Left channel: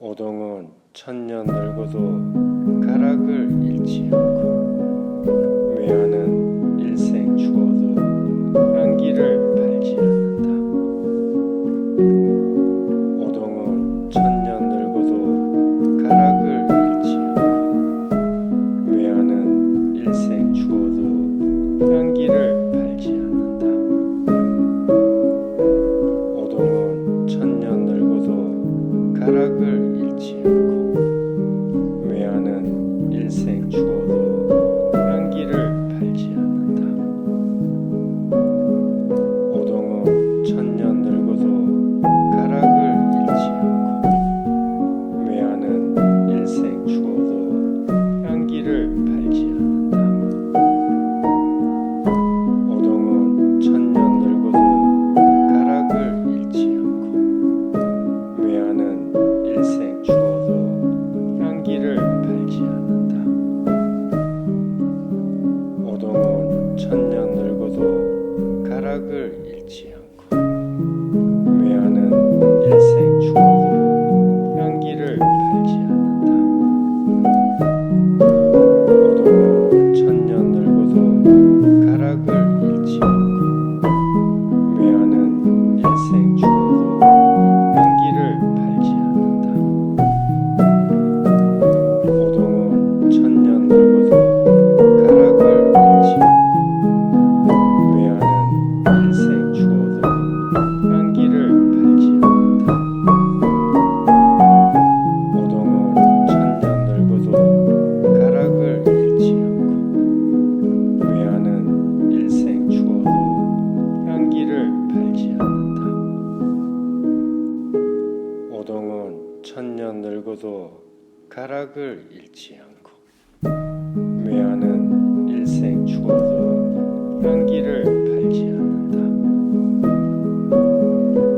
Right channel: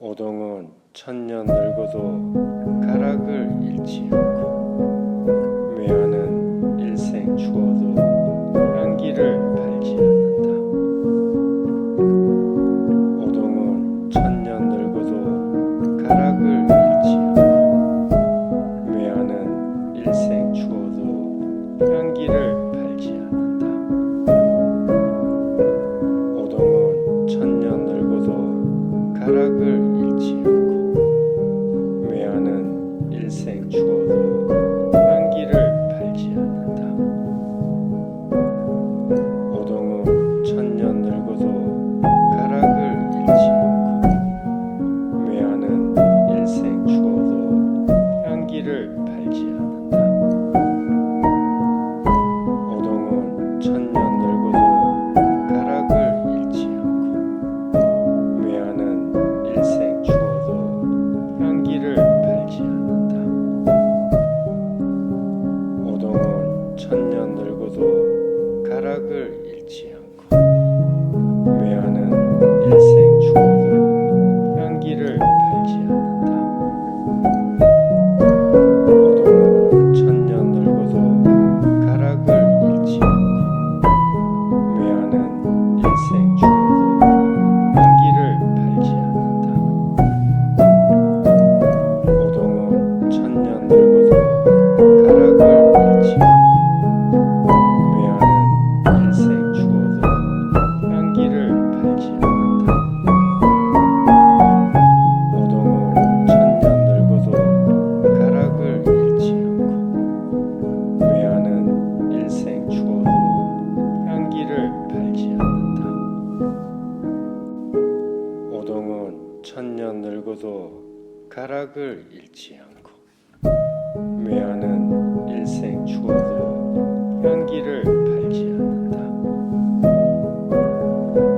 오동은 천년 늙어도 가락을 잃지 않고 매화는 일생 추워도 향기를 팔지 않는다. 오동은 천년 늙어도 가락을 잃지 않고 매화는 일생 추워도 향기를 팔지 않는다. 오동은 천년 늙어도 가락을 잃지 않고 매화는 일생 추워도 향기를 팔지 않는다. 오동은 천년 늙어도 가락을 잃지 않고 매화는 일생 추워도 향기를 팔지 않는다. 오동은 천년 늙어도 가락을 잃지 않고 매화는 일생 추워도 향기를 팔지 않는다. 오동은 천년 늙어도 가락을 잃지 않고 매화는 일생 추워도 향기를 팔지 않는다. 오동은 천년 늙어도 가락을 잃지 않고 매화는 일생 추워도 향기를 팔지 않는다. 오동은 천년 늙어도 가락을 잃지 않고 매화는 일생 추워도 향기를 팔지 않는다. 오동은 천년 늙어도 가락을 잃지 않고 매화는 일생 추워도 향기를 팔지 않는다. 오동은 천년 늙어도 가락을 잃지 않고 매화는 일생 추워도 향기를 팔지 않는다.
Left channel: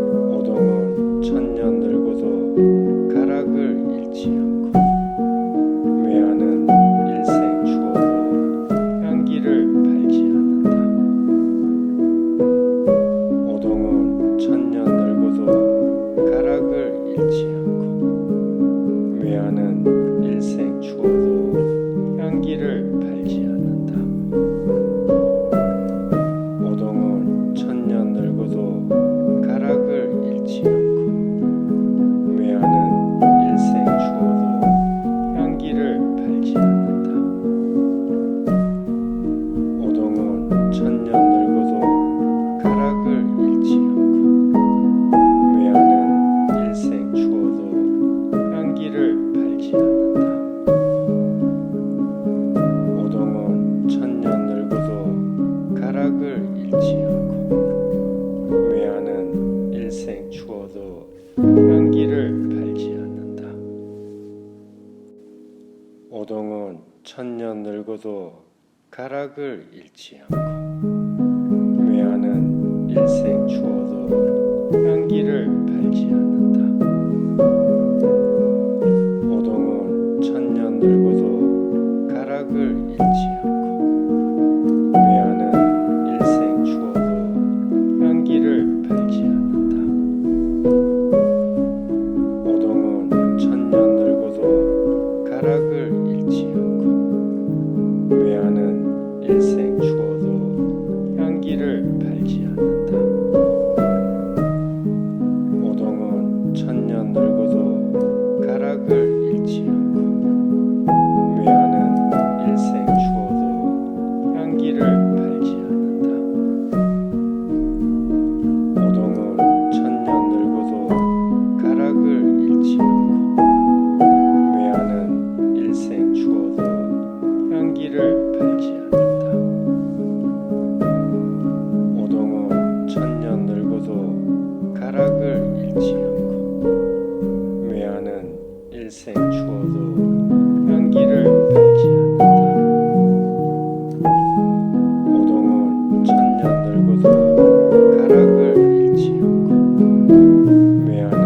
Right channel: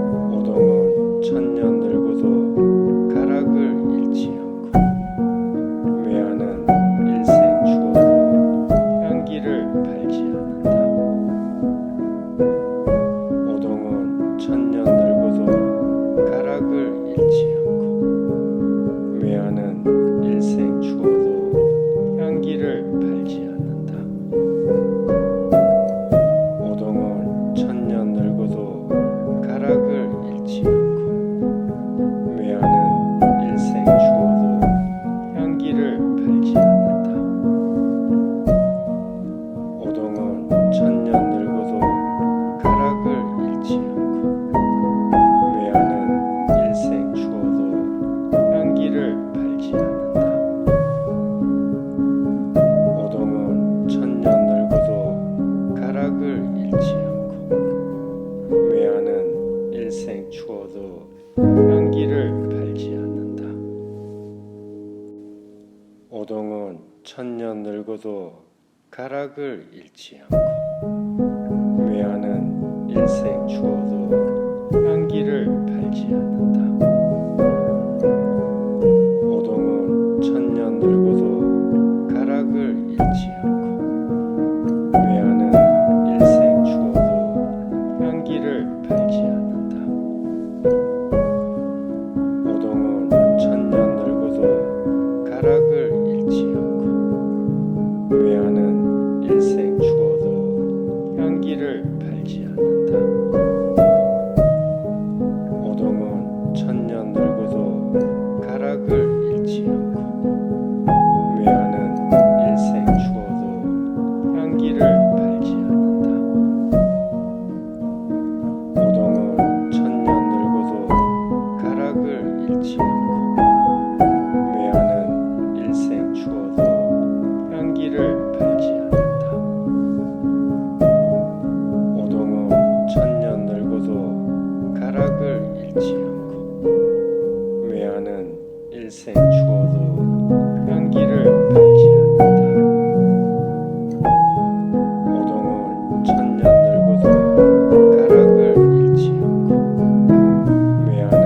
오동은 천년 늙어도 가락을 잃지 않고 매화는 일생 추워도 향기를 팔지 않는다. 오동은 천년 늙어도 가락을 잃지 않고 매화는 일생 추워도 향기를 팔지 않는다. 오동은 천년 늙어도 가락을 잃지 않고 매화는 일생 추워도 향기를 팔지 않는다. 오동은 천년 늙어도 가락을 잃지 않고 매화는 일생 추워도 향기를 팔지 않는다. 오동은 천년 늙어도 가락을 잃지 않고 매화는 일생 추워도 향기를 팔지 않는다. 오동은 천년 늙어도 가락을 잃지 않고 매화는 일생 추워도 향기를 팔지 않는다. 오동은 천년 늙어도 가락을 잃지 않고 매화는 일생 추워도 향기를 팔지 않는다. 오동은 천년 늙어도 가락을 잃지 않고 매화는 일생 추워도 향기를 팔지 않는다. 오동은 천년 늙어도 가락을 잃지 않고 매화는 일생 추워도 향기를 팔지 않는다. 오동은 천년 늙어도 가락을 잃지 않고 매화는 일생 추워도 향기를 팔지 않는다. 오동은 천년 늙어도 가락을 잃지 않고 매화는 일생 추워도 향기를 팔지 않는다. 오동은 천년 늙어도 가락을 잃지 않고 매화는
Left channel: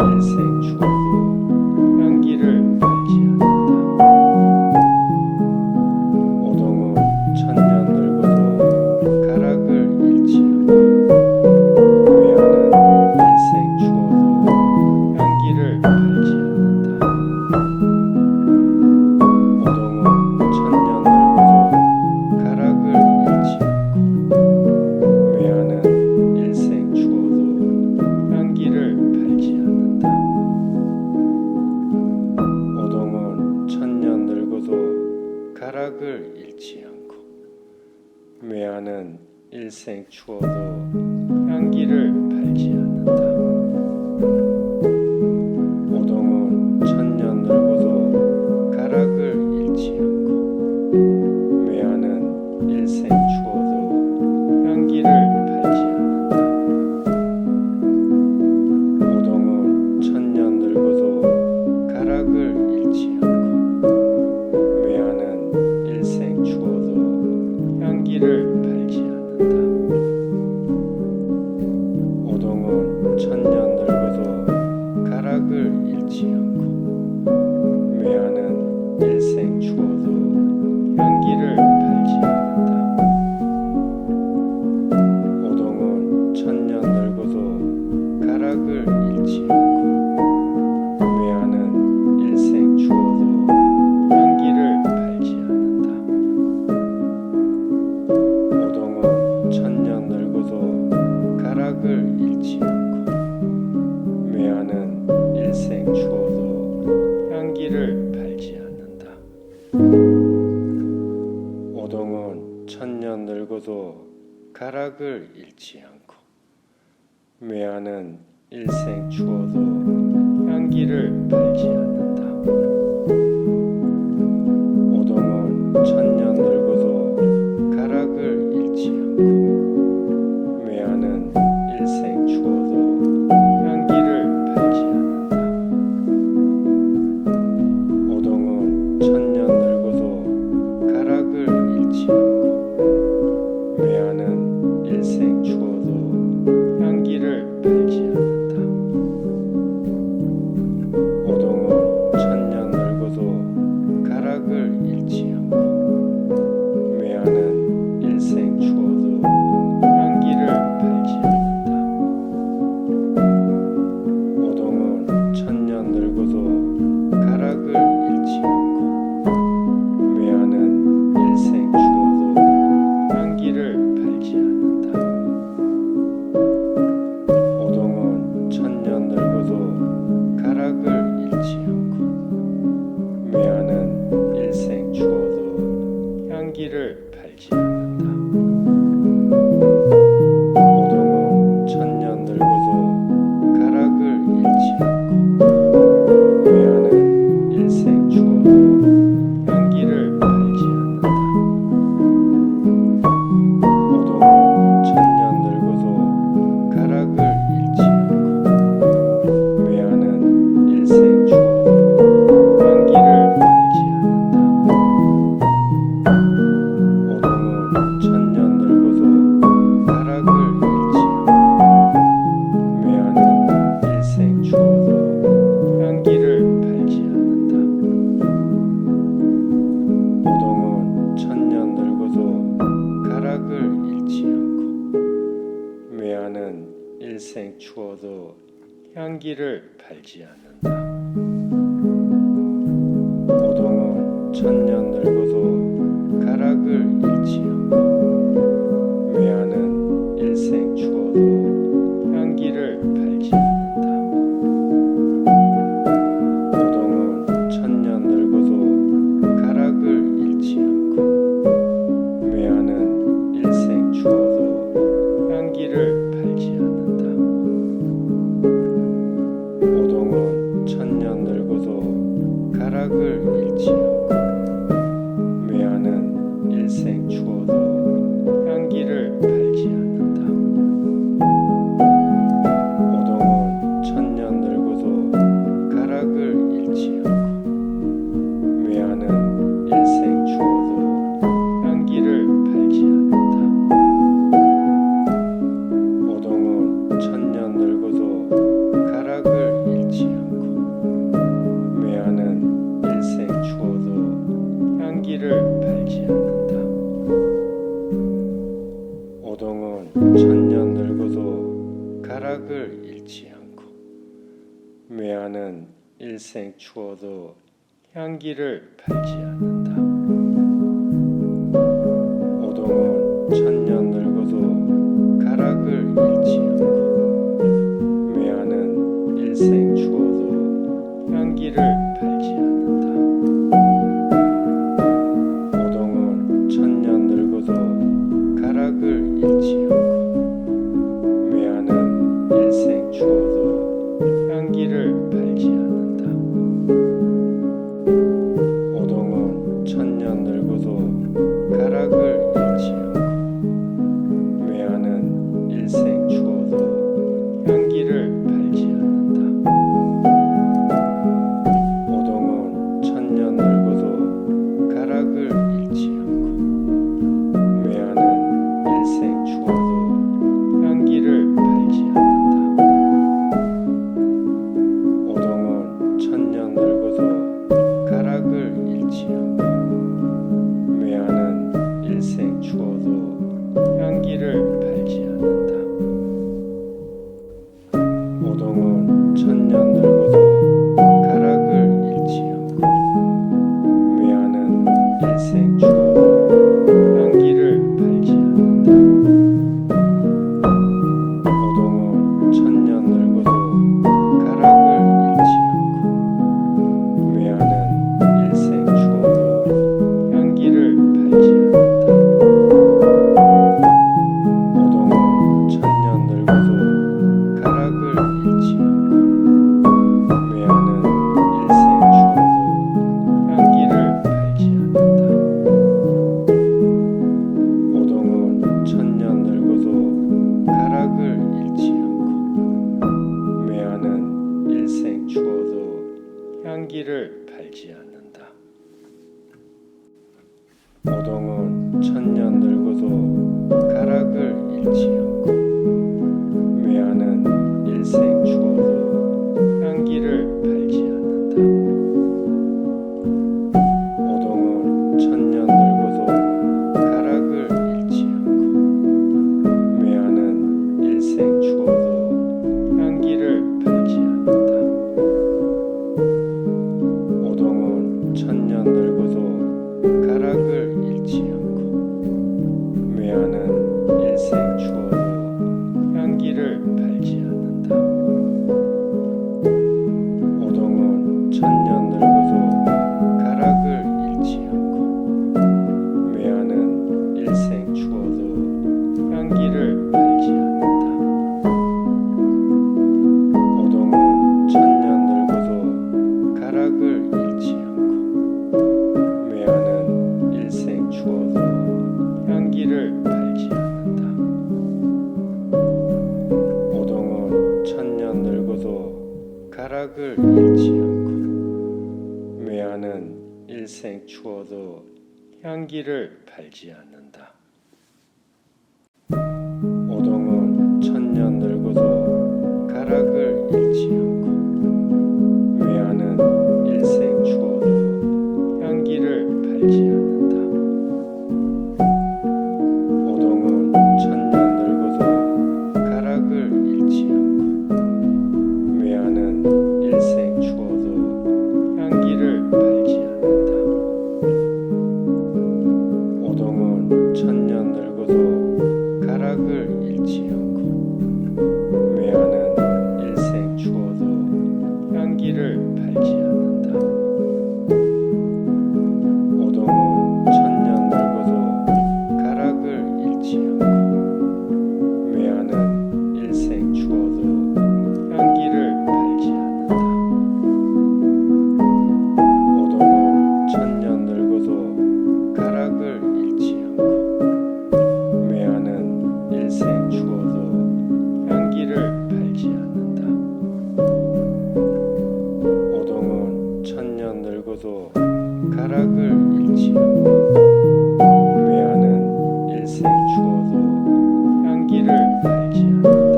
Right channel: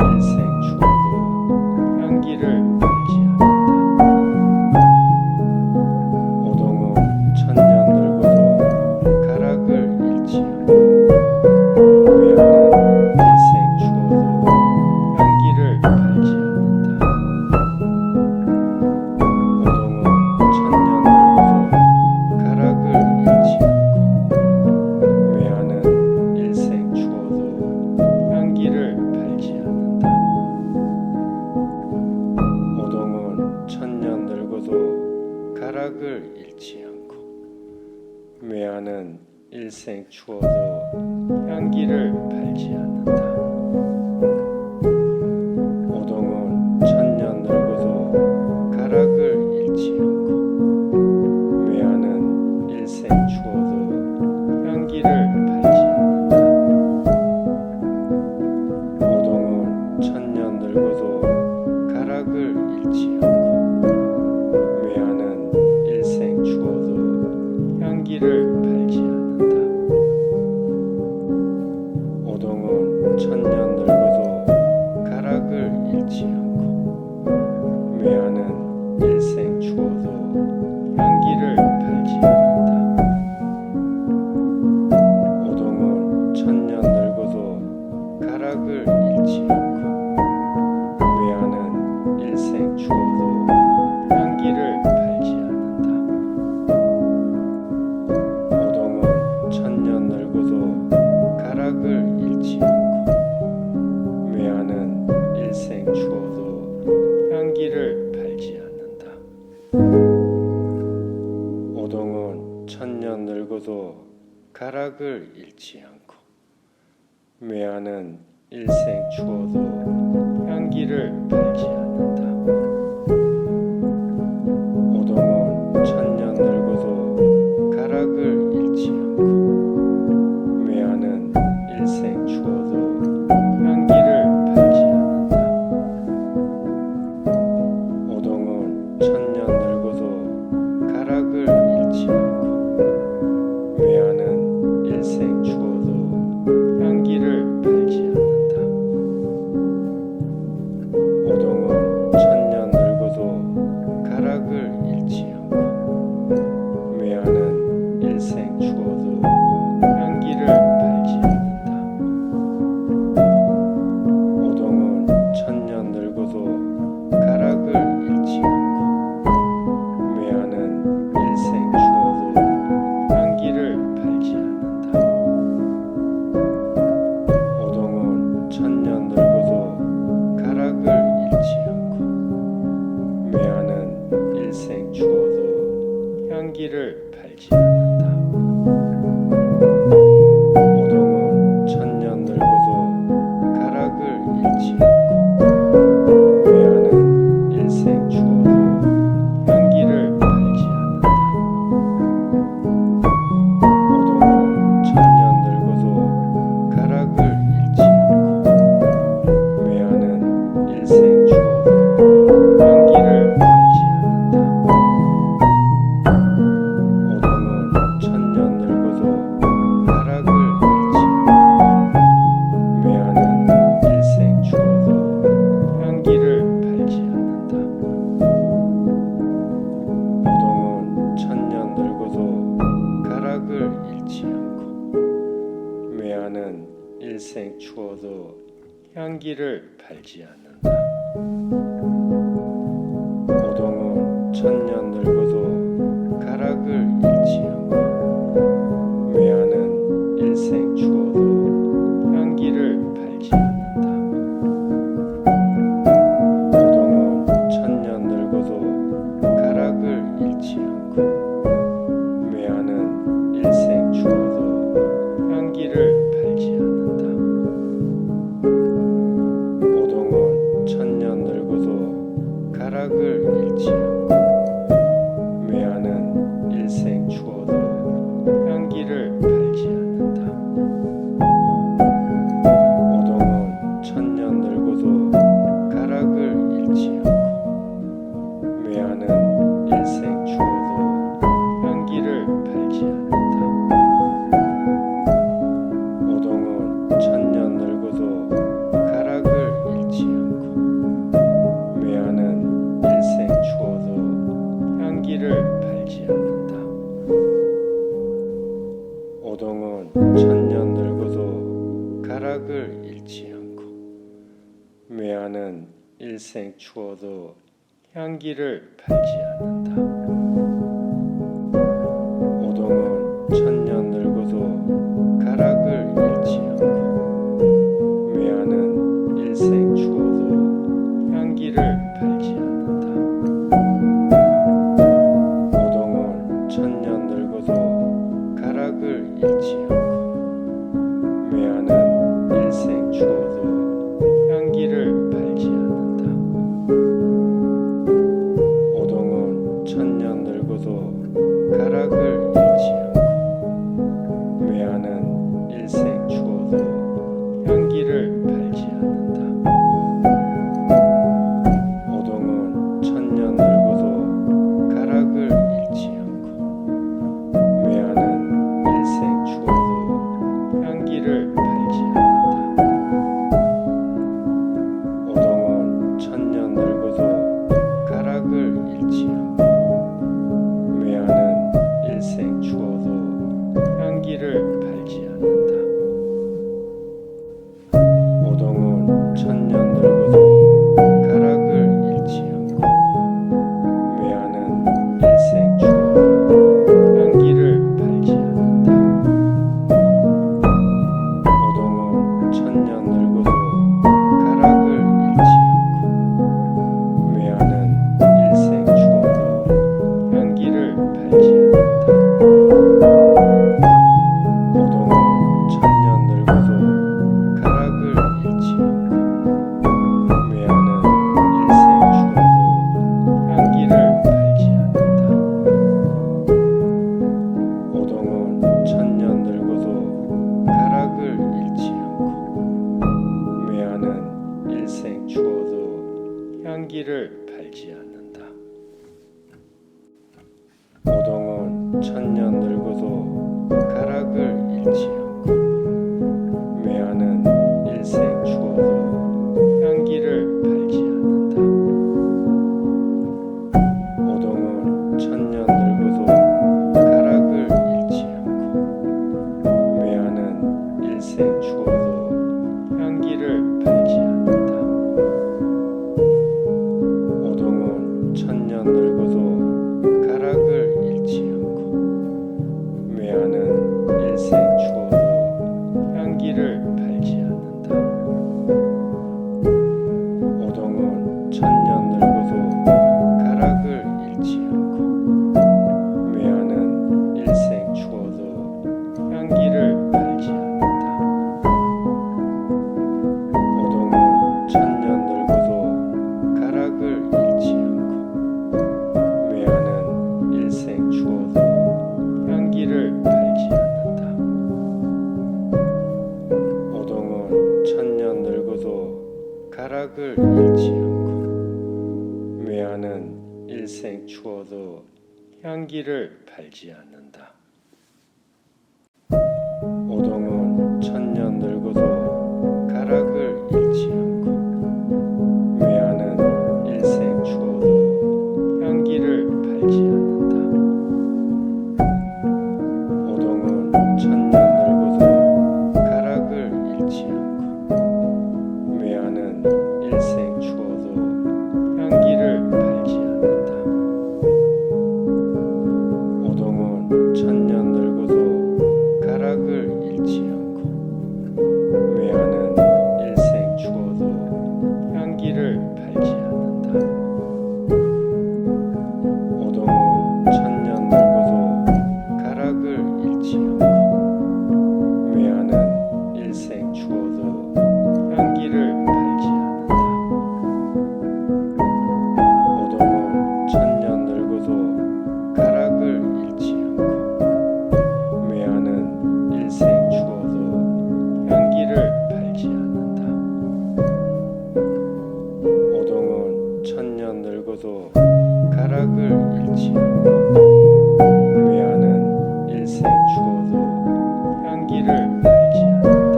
일생 추워도 향기를 팔지 않는다. 오동은 천년 늙어도 가락을 잃지 않고 매화는 일생 추워도 향기를 팔지 않는다. 가락을 잃지 않고 매화는 일생 추워도 향기를 팔지 않는다. 오동은 천년 늙어도 가락을 잃지 않고 매화는 일생 추워도 향기를 팔지 않는다. 오동은 천년 늙어도 가락을 잃지 않고 매화는 일생 추워도 향기를 팔지 않는다. 오동은 천년 늙어도 가락을 잃지 않고 매화는 일생 추워도 향기를 팔지 않는다. 오동은 천년 늙어도 가락을 잃지 않고 매화는 일생 추워도 향기를 팔지 않는다. 오동은 천년 늙어도 가락을 잃지 않고 매화는 일생 추워도 향기를 팔지 않는다. 오동은 천년 늙어도 가락을 잃지 않고 매화는 일생 추워도 향기를 팔지 않는다. 오동은 천년 늙어도 가락을 잃지 않고 매화는 일생 추워도 향기를 팔지 않는다. 오동은 천년 늙어도 가락을 잃지 않고 매화는 일생 추워도 향기를 팔지 않는다. 오동은 천년 늙어도 가락을 잃지 않고 매화는 일생 추워도 향기를 팔지 않는다. 오동은 천년 늙어도 가락을 잃지 않고 매화는 일생 추워도 향기를 팔지 않는다. 오동은 천년 늙어도 가락을 잃지 않고 매화는 일생 추워도 향기를 팔지 않는다. 오동은 천년 늙어도 가락을 잃지 않고 매화는 일생 추워도 향기를 팔지 않는다. 오동은 천년 늙어도 가락을 잃지 않고 매화는 일생 추워도 향기를 팔지 않는다. 오동은 천년 늙어도 가락을 잃지 않고 매화는 일생 추워도 향기를 팔지 않는다. 오동은 천년 늙어도 가락을 잃지 않고 매화는 일생 추워도 향기를 팔지 않는다. 오동은 천년 늙어도 가락을 잃지 않고 매화는 일생 추워도 향기를 팔지 않는다. 오동은 천년 늙어도 가락을 잃지 않고 매화는 일생 추워도 향기를 팔지 않는다. 오동은 천년 늙어도 가락을 잃지 않고 매화는 일생 추워도 향기를 팔지 않는다. 오동은 천년 늙어도 가락을 잃지 않고 매화는 일생 추워도 향기를 팔지 않는다. 오동은 천년 늙어도 가락을 잃지 않고 매화는 일생 추워도 향기를 팔지 않는다. 오동은 천년 늙어도 가락을 잃지 않고 매화는 일생 추워도 향기를 팔지 않는다. 오동은 천년 늙어도 가락을 잃지 않고 매화는 일생 추워도 향기를 팔지 않는다. 늙어도 가락을 잃지 않고 매하는 일생 추워도 향기를 팔지 않는다. 오동은 천년 늙어도 가락을 잃지 않고 매하는 일생 추워도 향기를 팔지 않는다. 오동은 천년 늙어도 가락을 잃지 않고 매하는 일생 추워도 향기를 팔지 않는다. 오동은 천년 늙어도 가락을 잃지 않고 매하는 일생 추워도 향기를 팔지 않는다. 오동은 천년 늙어도 가락을 잃지 않고 매하는 일생 추워도 향기를 팔지 않는다. 오동은 천년 늙어도 가락을 잃지 않고 매하는 일생 추워도 향기를 팔지 않는다. 오동은 천년 늙어도 가락을 잃지 않고 매하는 일생 추워도 향기를 팔지 않는다. 오동은 천년 늙어도 가락을 잃지 않고 매하는 일생 추워도 향기를 팔지 않는다. 오동은 천년 늙어도 가락을 잃지 않고 매하는 일생 추워도 향기를 팔지 않는다. 오동은 천년 늙어도 가락을 잃지 않고 매하는 일생 추워도 향기를 팔지 않는다. 오동은 천년 늙어도 가락을 잃지 않고 매하는 일생 추워도 향기를 팔지 않는다. 오동은 천년 늙어도 가락을 잃지 않고 매하는 일생 추워도 향기를 팔지 않는다. 오동은 천년 늙어도 가락을 잃지 않고 매하는 일생 추워도 향기를 팔지 않는다. 오동은 천년 늙어도 가락을 잃지 않고 매하는 일생 추워도 향기를 팔지 않는다. 오동은 천년 늙어도 가락을 잃지 않고 매하는 일생 추워도 향기를 팔지 않는다. 오동은 천년 늙어도 가락을 잃지 않고 매하는 일생 추워도 향기를 팔지 않는다. 오동은 천년 늙어도 가락을 잃지 않고 매하는 일생 추워도 향기를 팔지 않는다. 오동은 천년 늙어도 가락을 잃지 않고 매하는 일생 추워도 향기를 팔지 않는다. 오동은 천년 늙어도 가락을 잃지 않고 매하는 일생 추워도 향기를 팔지 않는다.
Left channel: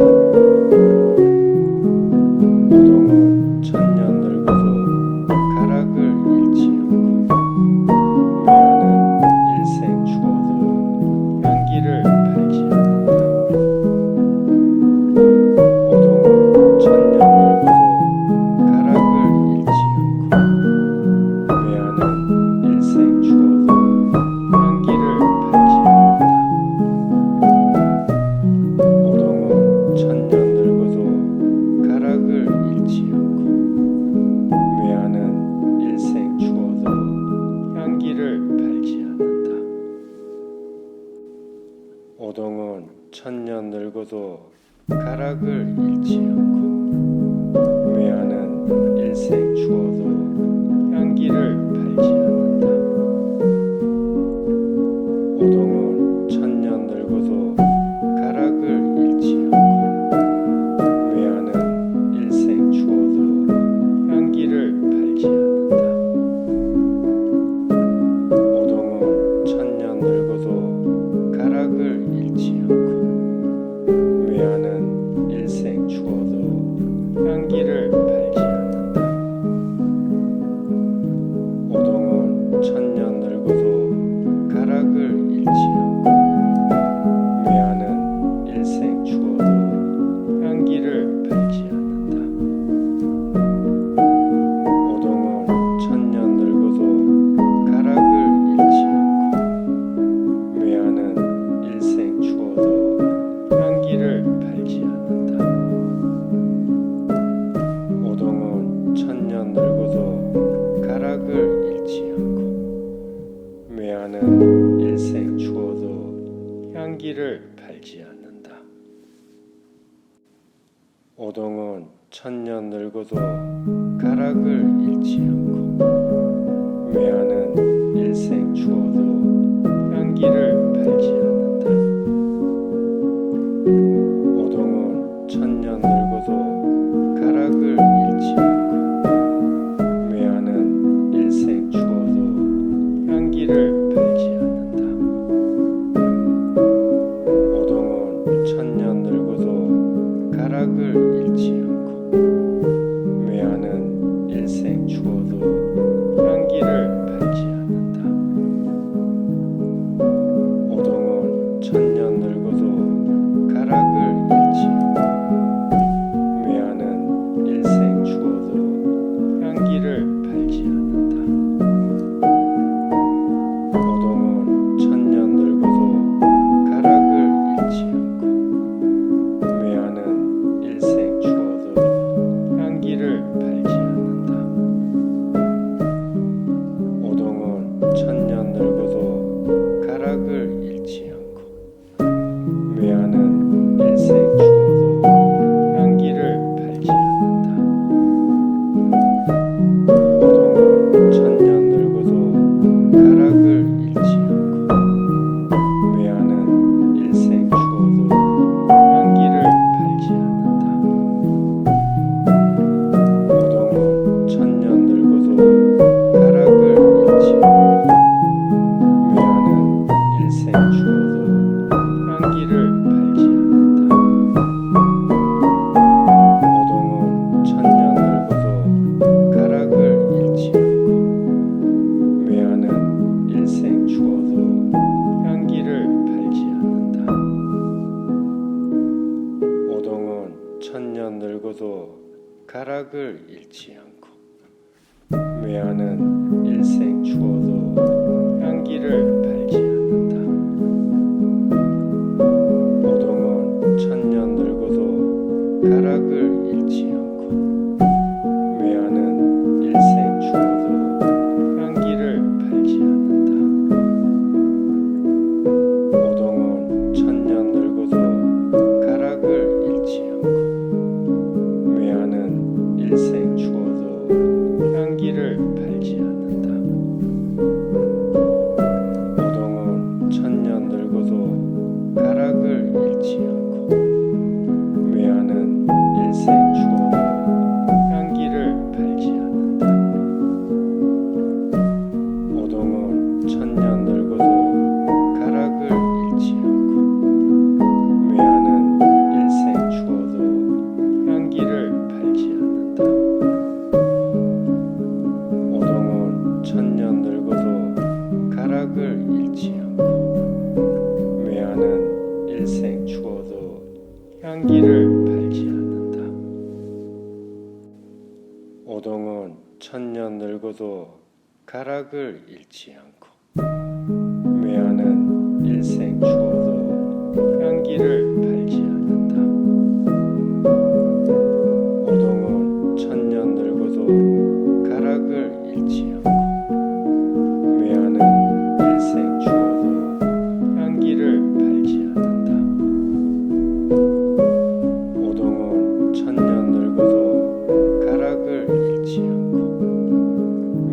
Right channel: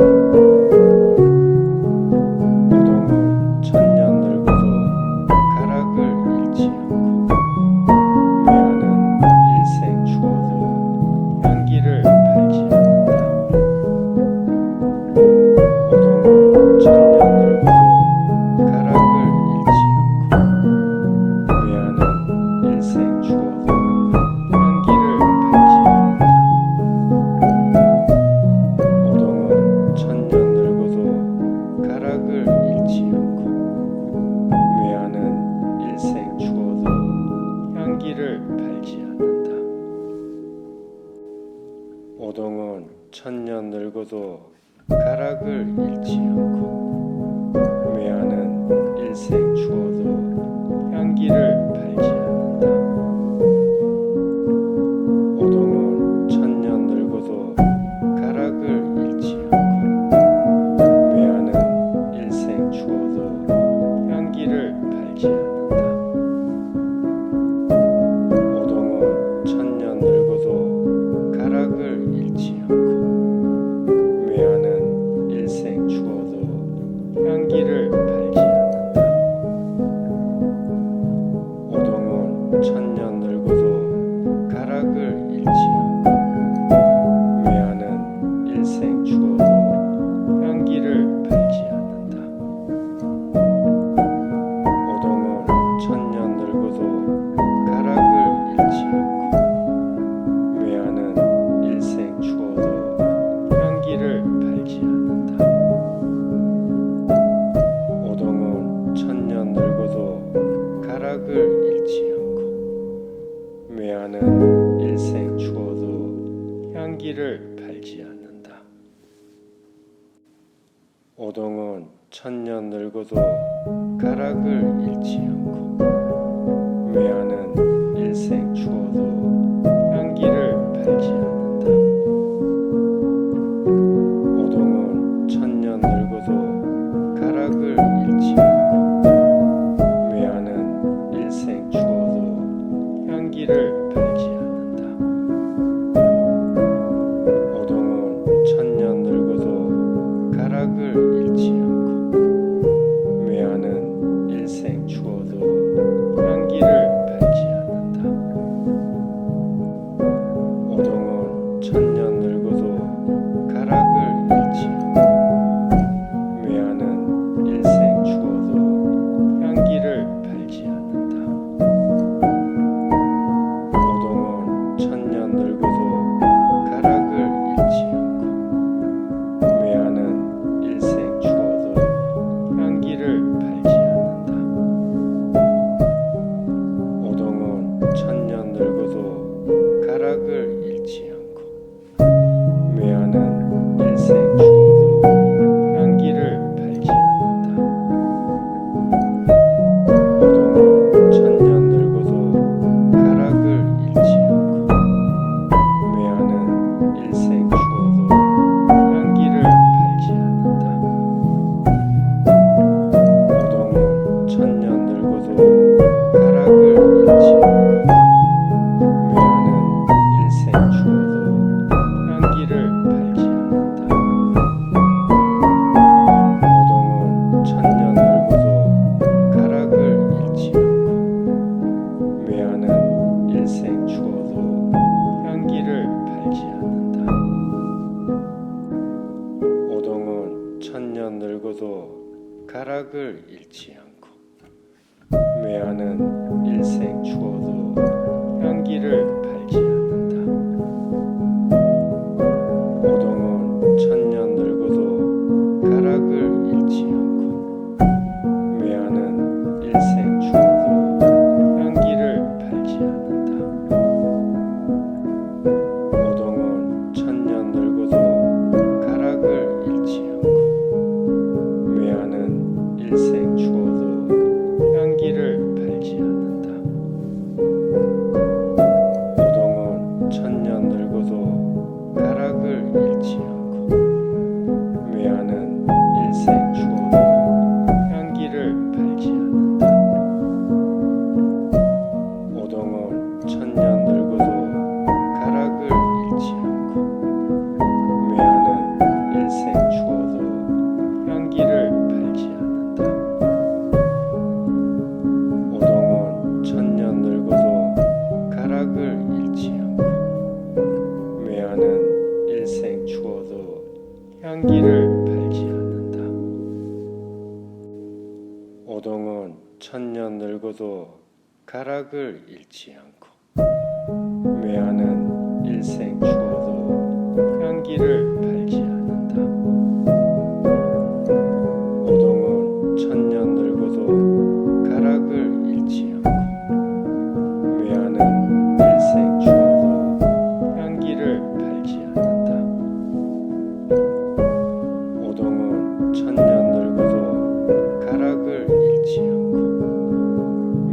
오동은 천년 늙어도 가락을 잃지 않고 매하는 일생 추워도 향기를 팔지 않는다. 오동은 천년 늙어도 가락을 잃지 않고 매하는 일생 추워도 향기를 팔지 않는다. 오동은 천년 늙어도 가락을 잃지 않고 매하는 일생 추워도 향기를 팔지 않는다. 오동은 천년 늙어도 가락을 잃지 않고 매하는 일생 추워도 향기를 팔지 않는다. 향기를 팔지 않는다. 오동은 천년 늙어도 가락을 잃지 않고 매화는 일생 추워도 향기를 팔지 않는다. 오동은 천년 늙어도 가락을 잃지 않고 매화는 일생 추워도 향기를 팔지 않는다. 오동은 천년 늙어도 가락을 잃지 않고 매화는 일생 추워도 향기를 팔지 않는다. 오동은 천년 늙어도 가락을 잃지 않고 매화는 일생 추워도 향기를 팔지 않는다. 오동은 천년 늙어도 가락을 잃지 않고 매화는 일생 추워도 향기를 팔지 않는다. 오동은 천년 늙어도 가락을 잃지 않고 매화는 일생 추워도 향기를 팔지 않는다. 오동은 천년 늙어도 가락을 잃지 않고 매화는 일생 추워도 향기를 팔지 않는다. 오동은 천년 늙어도 가락을 잃지 않고 매화는 일생 추워도 향기를 팔지 않는다. 오동은 천년 늙어도 가락을 잃지 않고 매화는 일생 추워도 향기를 팔지 않는다. 오동은 천년 늙어도 가락을 잃지 않고 매화는 일생 추워도 향기를 팔지 않는다. 오동은 천년 늙어도 가락을 잃지 않고 매화는 일생 추워도 향기를 팔지 않는다. 오동은 천년 늙어도 가락을 잃지 않고 매화는 일생 추워도 향기를 팔지 않는다. 오동은 천년 늙어도 가락을 잃지 않고 매화는 일생 추워도 향기를 팔지 않는다. 오동은 천년 늙어도 가락을 잃지 않고 매화는 일생 추워도 향기를 팔지 않는다. 오동은 천년 늙어도 가락을 잃지 않고 매화는 일생 추워도 향기를 팔지 않는다. 오동은 천년 늙어도 가락을 잃지 않고 매화는 일생 추워도 향기를 팔지 않는다. 오동은 천년 늙어도 가락을 잃지 않고 매화는 일생 추워도 향기를 팔지 않는다. 오동은 천년 늙어도 가락을 잃지 않고 매화는 일생 추워도 향기를 팔지 않는다. 오동은 천년 늙어도 가락을 잃지 않고 매화는 일생 추워도 향기를 팔지 않는다. 오동은 천년 늙어도 가락을 잃지 않고 매화는 일생 추워도 향기를 팔지 않는다. 오동은 천년 늙어도 가락을 잃지 않고 매화는 일생 추워도 향기를 팔지 않는다. 오동은 천년 늙어도 가락을 잃지 않고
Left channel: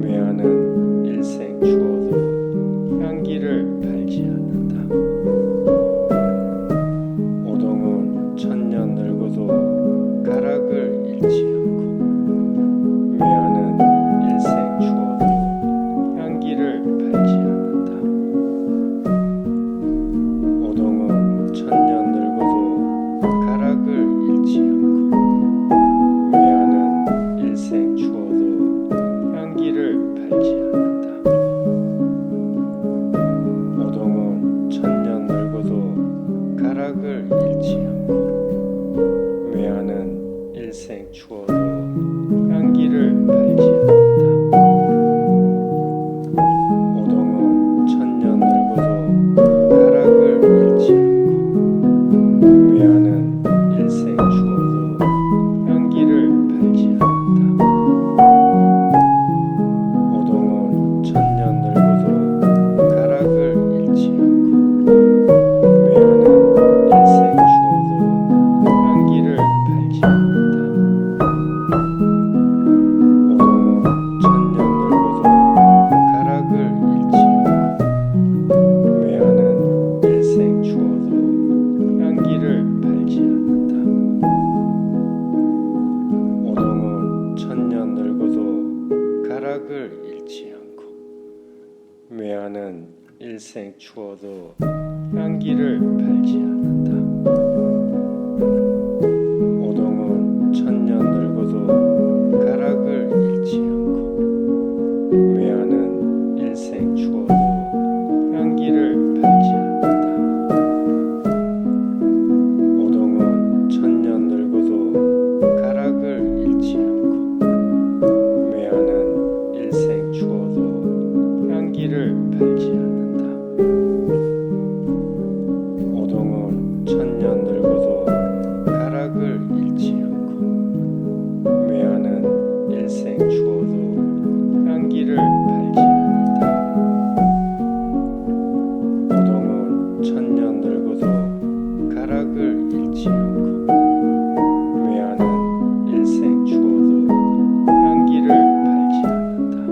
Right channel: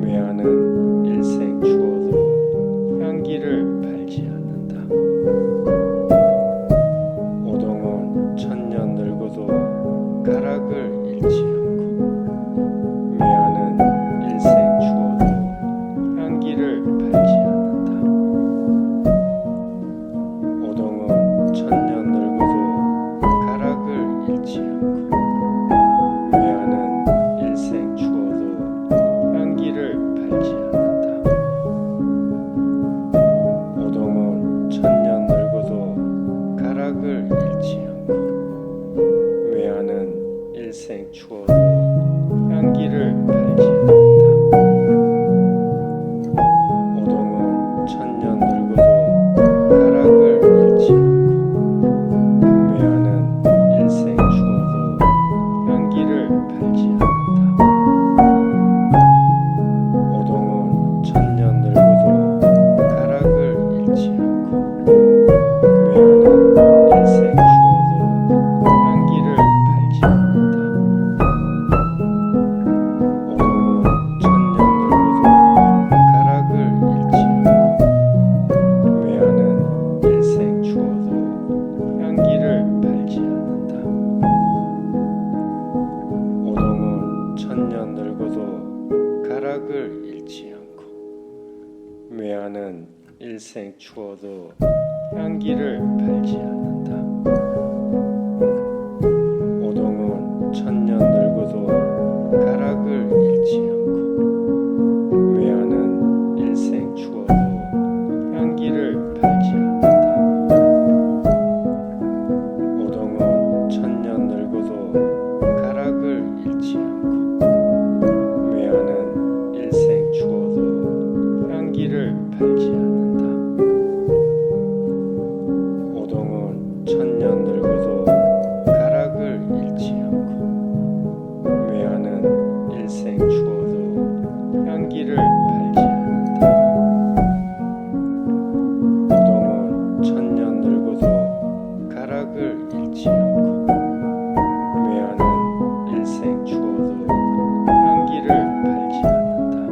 매화는 일생 추워도 향기를 팔지 않는다. 오동은 천년 늙어도 가락을 잃지 않고 매화는 일생 추워도 향기를 팔지 않는다. 오동은 천년 늙어도 가락을 잃지 않고 외화는 일생 추워도 향기를 팔지 않는다. 오동은 천년 늙어도 가락을 잃지 않고 외화는 일생 추워도 향기를 팔지 않는다. 오동은 천년 늙어도 가락을 잃지 않고 외화는 일생 추워도 향기를 팔지 않는다. 오동은 천년 늙어도 가락을 잃지 않고 외화는 일생 추워도 향기를 팔지 않는다. 오동은 천년 늙어도 가락을 잃지 않고 외화는 일생 추워도 향기를 팔지 않는다. 오동은 천년 늙어도 가락을 잃지 않고 외화는 일생 추워도 향기를 팔지 않는다. 오동은 천년 늙어도 가락을 잃지 않고 외화는 일생 추워도 향기를 팔지 않는다.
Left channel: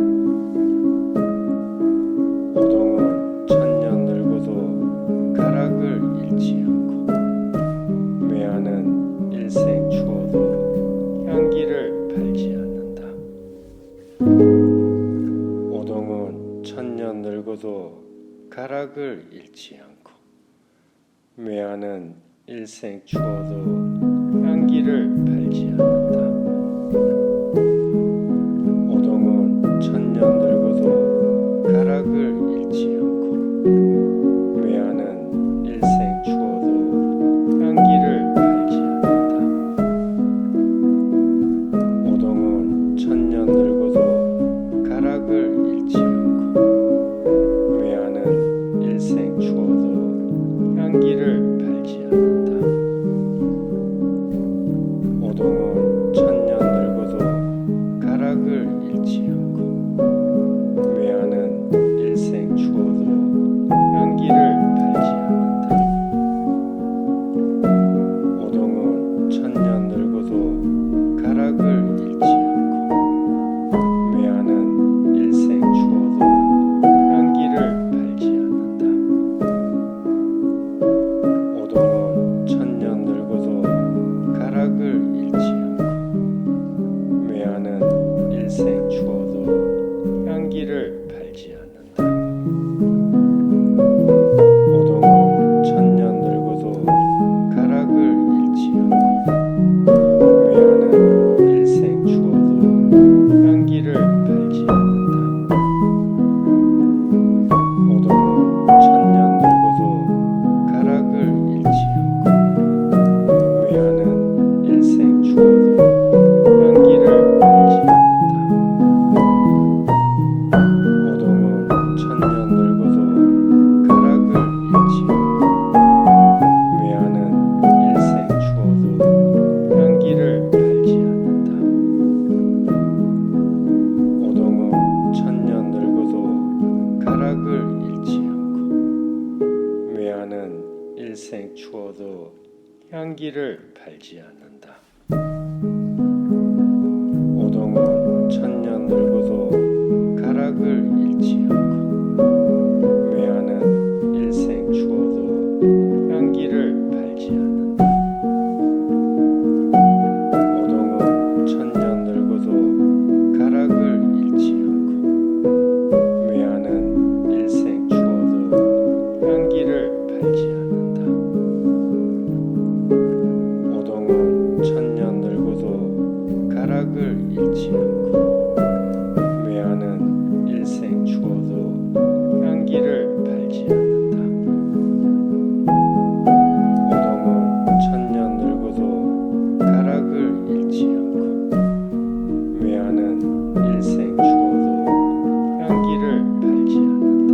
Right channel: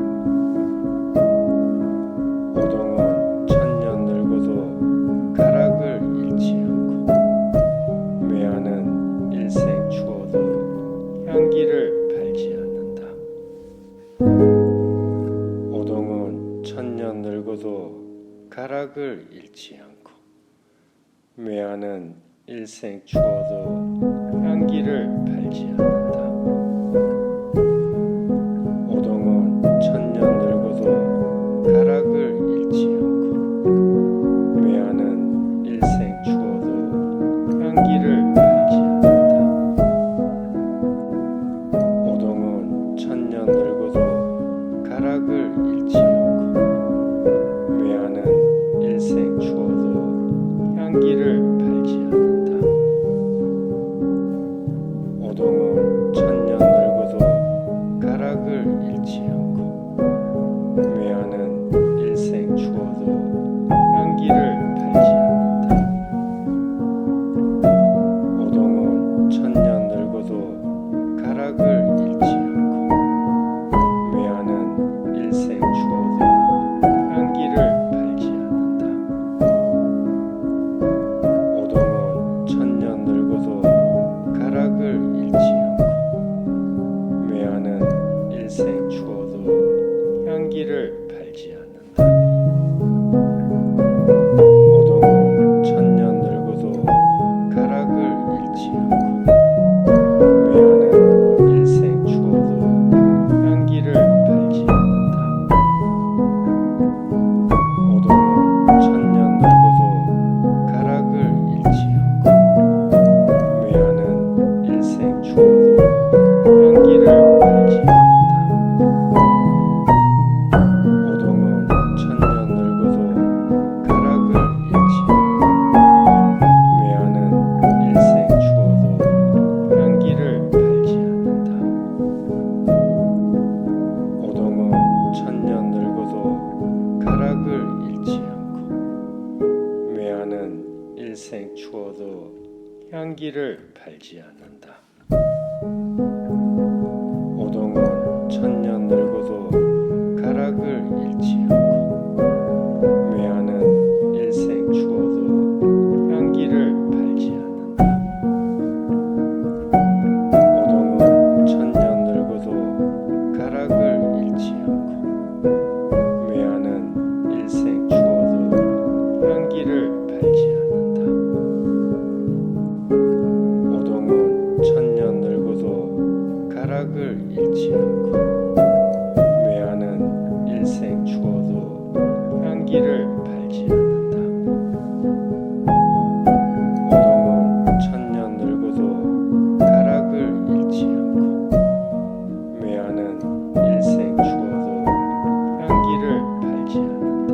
오동은 천년 늙어도 가락을 잃지 않고 외화는 일생 추워도 향기를 팔지 않는다. 오동은 천년 늙어도 가락을 잃지 않고 외화는 일생 추워도 향기를 팔지 않는다. 오동은 천년 늙어도 가락을 잃지 않고 외화는 일생 추워도 향기를 팔지 않는다. 오동은 천년 늙어도 가락을 잃지 않고 외화는 일생 추워도 향기를 팔지 않는다. 오동은 천년 늙어도 가락을 잃지 않고 외화는 일생 추워도 향기를 팔지 않는다. 오동은 천년 늙어도 가락을 잃지 않고 외화는 일생 추워도 향기를 팔지 않는다. 오동은 천년 늙어도 가락을 잃지 않고 외화는 일생 추워도 향기를 팔지 않는다. 오동은 천년 늙어도 가락을 잃지 않고 외화는 일생 추워도 향기를 팔지 않는다. 오동은 천년 늙어도 가락을 잃지 않고 외화는 일생 추워도 향기를 팔지 않는다. 오동은 천년 늙어도 가락을 잃지 않고 외화는 일생 추워도 향기를 팔지 않는다. 오동은 천년 늙어도 가락을 잃지 않고 외화는 일생 추워도 향기를 팔지 않는다. 오동은 천년 늙어도 가락을 잃지 않고 외화는 일생 추워도 향기를 팔지 않는다. 오동은 천년 늙어도 가락을 잃지 않고 외화는 일생 추워도 향기를 팔지 않는다. 오동은 천년 늙어도 가락을 잃지 않고 외화는 일생 추워도 향기를 팔지 않는다. 오동은 천년 늙어도 가락을 잃지 않고 외화는 일생 추워도 향기를 팔지 않는다. 오동은 천년 늙어도 가락을 잃지 않고 일생 추워도 향기를 팔지 않는다.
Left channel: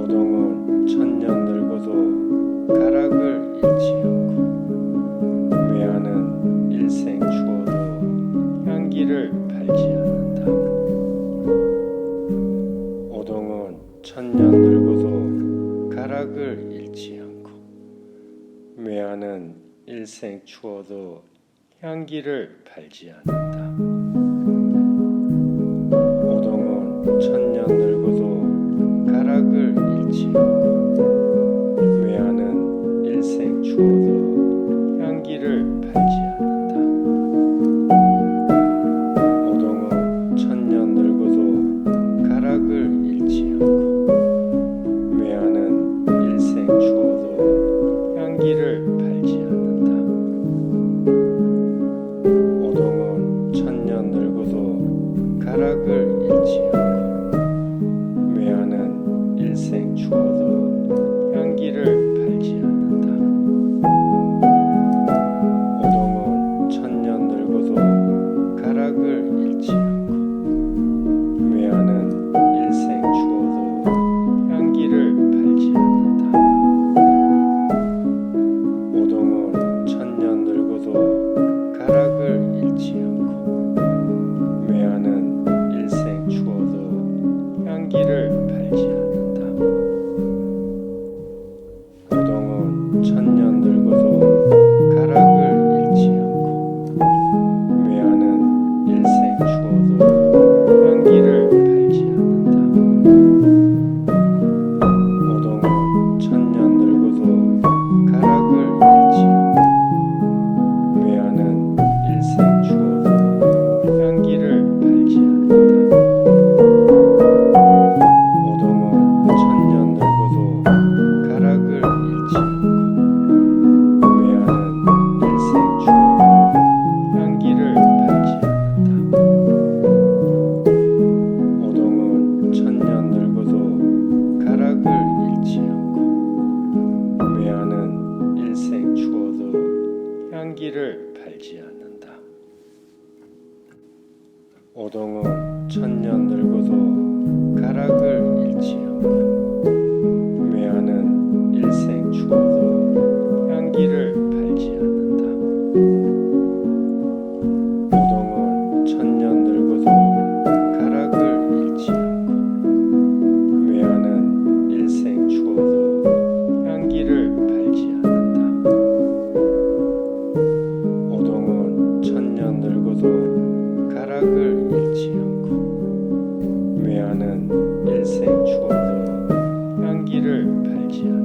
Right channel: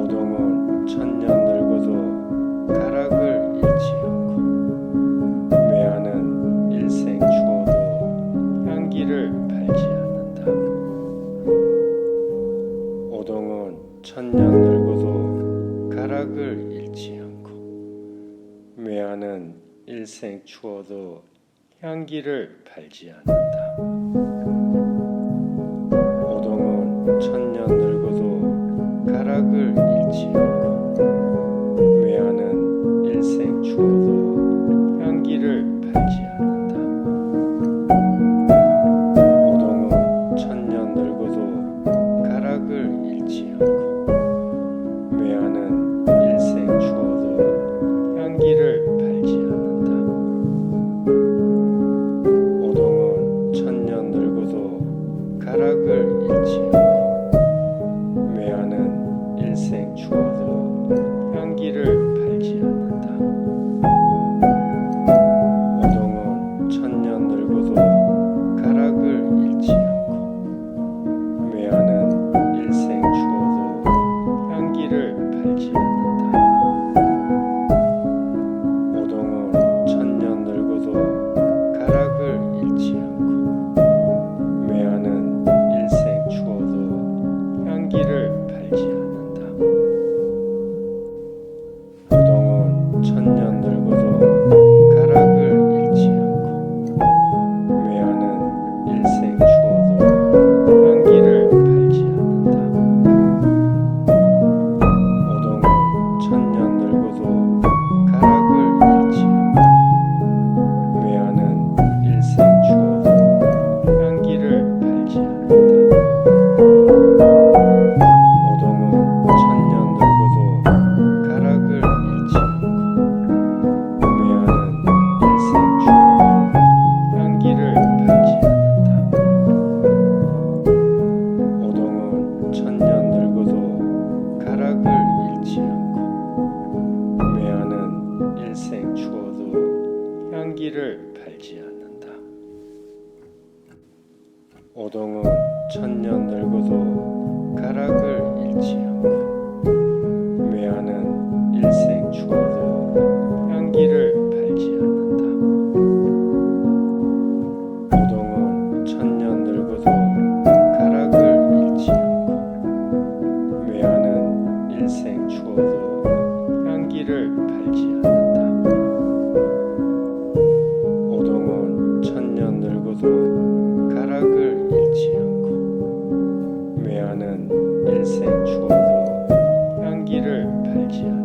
오동은 천년 늙어도 가락을 잃지 않고 매화는 일생 추워도 향기를 팔지 않는다. 오동은 천년 늙어도 가락을 잃지 않고 매화는 일생 추워도 향기를 팔지 않는다. 오동은 천년 늙어도 가락을 잃지 않고 매화는 일생 추워도 향기를 팔지 않는다. 오동은 천년 늙어도 가락을 잃지 않고 매화는 일생 추워도 향기를 팔지 않는다. 오동은 천년 늙어도 가락을 잃지 않고 매화는 일생 추워도 향기를 팔지 않는다. 오동은 천년 늙어도 가락을 잃지 않고 매화는 일생 추워도 향기를 팔지 않는다. 오동은 천년 늙어도 가락을 잃지 않고 매화는 일생 추워도 향기를 팔지 않는다. 오동은 천년 늙어도 가락을 잃지 않고 매화는 일생 추워도 향기를 팔지 않는다. 오동은 천년 늙어도 가락을 잃지 않고 매화는 일생 추워도 향기를 팔지 않는다. 오동은 천년 늙어도 가락을 잃지 않고 매화는 일생 추워도 향기를 팔지 않는다. 오동은 천년 늙어도 가락을 잃지 않고 매화는 일생 추워도 향기를 팔지 않는다. 오동은 천년 늙어도 가락을 잃지 않고 매화는 일생 추워도 향기를 팔지 않는다. 오동은 천년 늙어도 가락을 잃지 않고 매화는 일생 추워도 향기를 팔지 않는다. 오동은 천년 늙어도 가락을 잃지 않고 매화는 일생 추워도 향기를 팔지 않는다.